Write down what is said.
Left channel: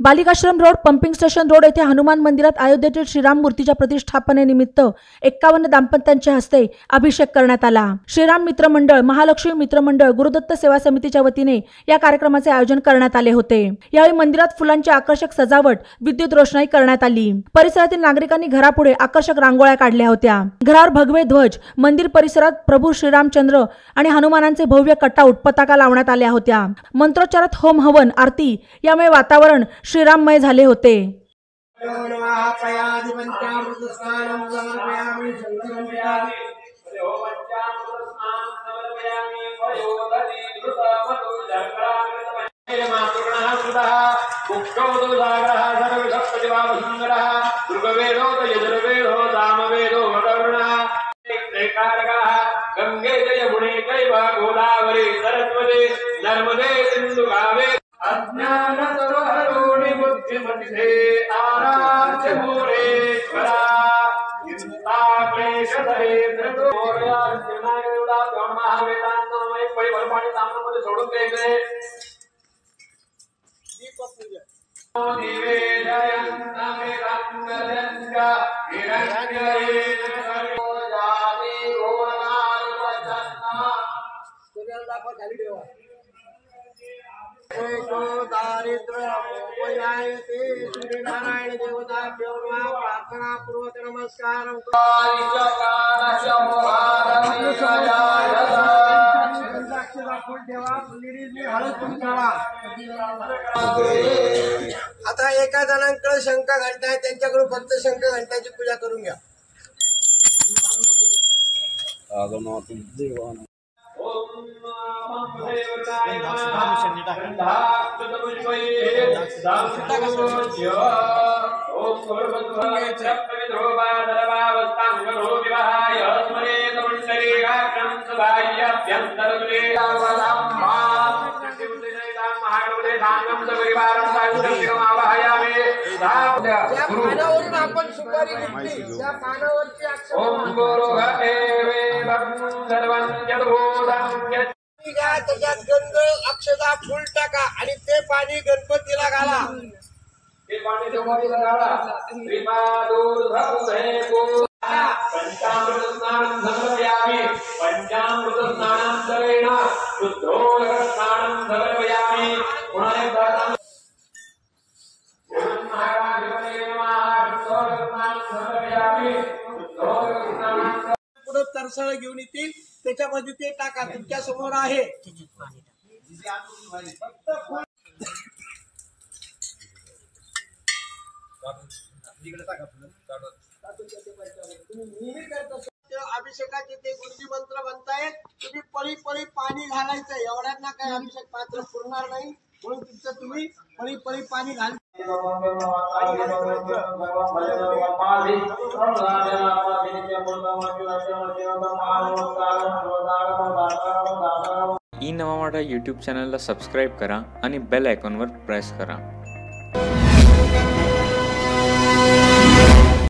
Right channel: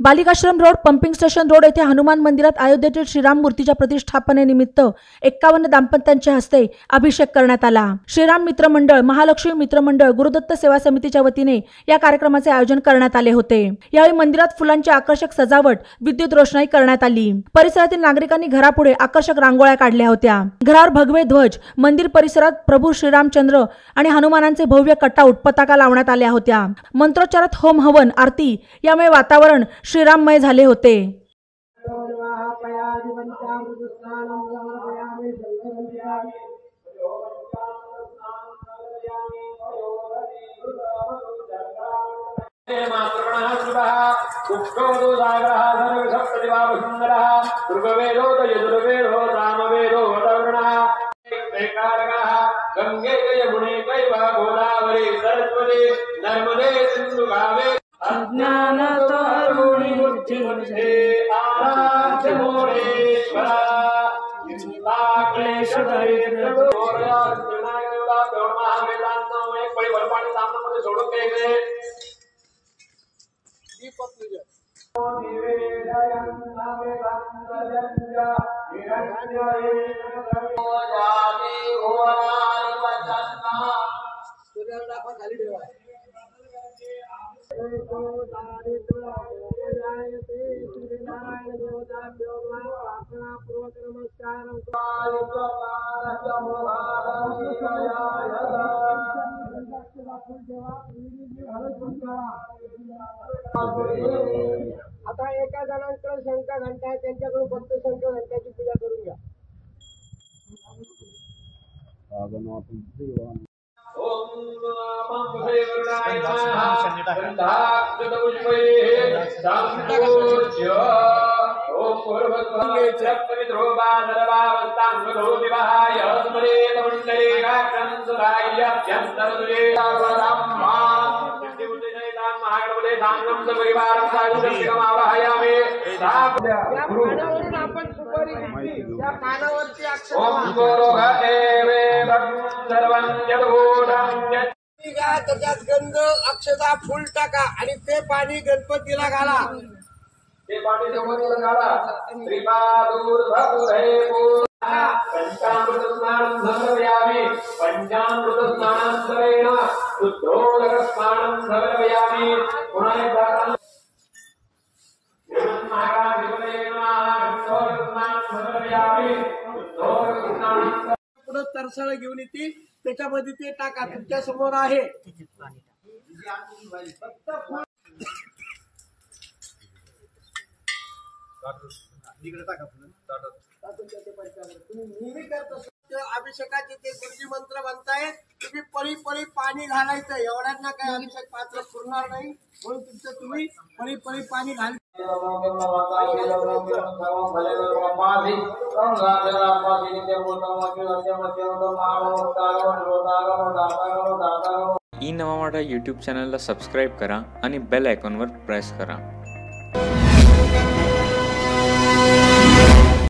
बालिकाश्रम road, pumping station road येथे हनुमान मंदिरात अयोध्येतील श्रीराम मूर्तीच्या प्रतिष्ठापनेनिमित्त 51 दाम्पत्यांच्या हस्ते अभिषेक करण्यात आला। श्रीराम मित्र मंडळ, महालक्ष्मी मित्र मंडळ, गुरुदत्त सेवा समितीच्या वतीने या कार्यक्रमाचे आयोजन करण्यात आले होते। यावेळी मंदिरात फुलांची आकर्षक सजावट, विद्युत रोषणाई करण्यात आली। परिसरातील नागरिकांनी घरापुढे आकर्षक रांगोळ्या काढल्या होत्या। घरावर भगवे ध्वज, मंदिर परिसरात प्रभू श्रीरामचंद्र आणि हनुमानांचे भव्य कटआउट, पताका लावण्यात आल्या होत्या। मंत्रोच्चारात होम हवन, आरती यामुळे वातावरण श्रीराममय झाले होते। गंगे यमुने कैवा गोदावरी सरस्वती नर्मदे सिंधु कावेरी अज्ञानतमरुणि बुद्धिमते आराध्य मोरेश्वरा क्लेशधरे परिवर्तन सामने सोडून द्यायचे। दीपक पूजा सूर्यनारायण देवता प्रार्थना पूर्वक नमस्कार। आता एका जणांकडे शंख घंटा आहे, त्यांच्याकडून फक्त शंख घंटाची पूजा करून घ्या। पानावरून आपण सुपारी घेतली, त्या पानावरची त्याच्यात गंध, अक्षता, फुल टाका आणि ते पाणी गणपतीला घाला। ते पाणी गणपतीला घाला। पंचामृत स्नानं समर्पयामि, पंचामृत स्नानान्तरेण शुद्धोदक स्नानं समर्पयामि। पुनः एकदा पुढे तरसळ घेऊन येतील, त्याच्यामध्ये ते टाका, तुमच्या समोर आहे। अभिषेकाचे ते गुरुजी मंत्र म्हणतायत, तुम्ही पळी पळी पाणी घालायचं, एवढ्यांना काय अभिषेक पात्र पुरणार नाही, म्हणून तुमचं तुम्ही पळी पळी पाणी घाल। ई नवा मराठा यूट्यूब चॅनलला सबस्क्राईब करा आणि बेल आयकॉनवर प्रेस करा।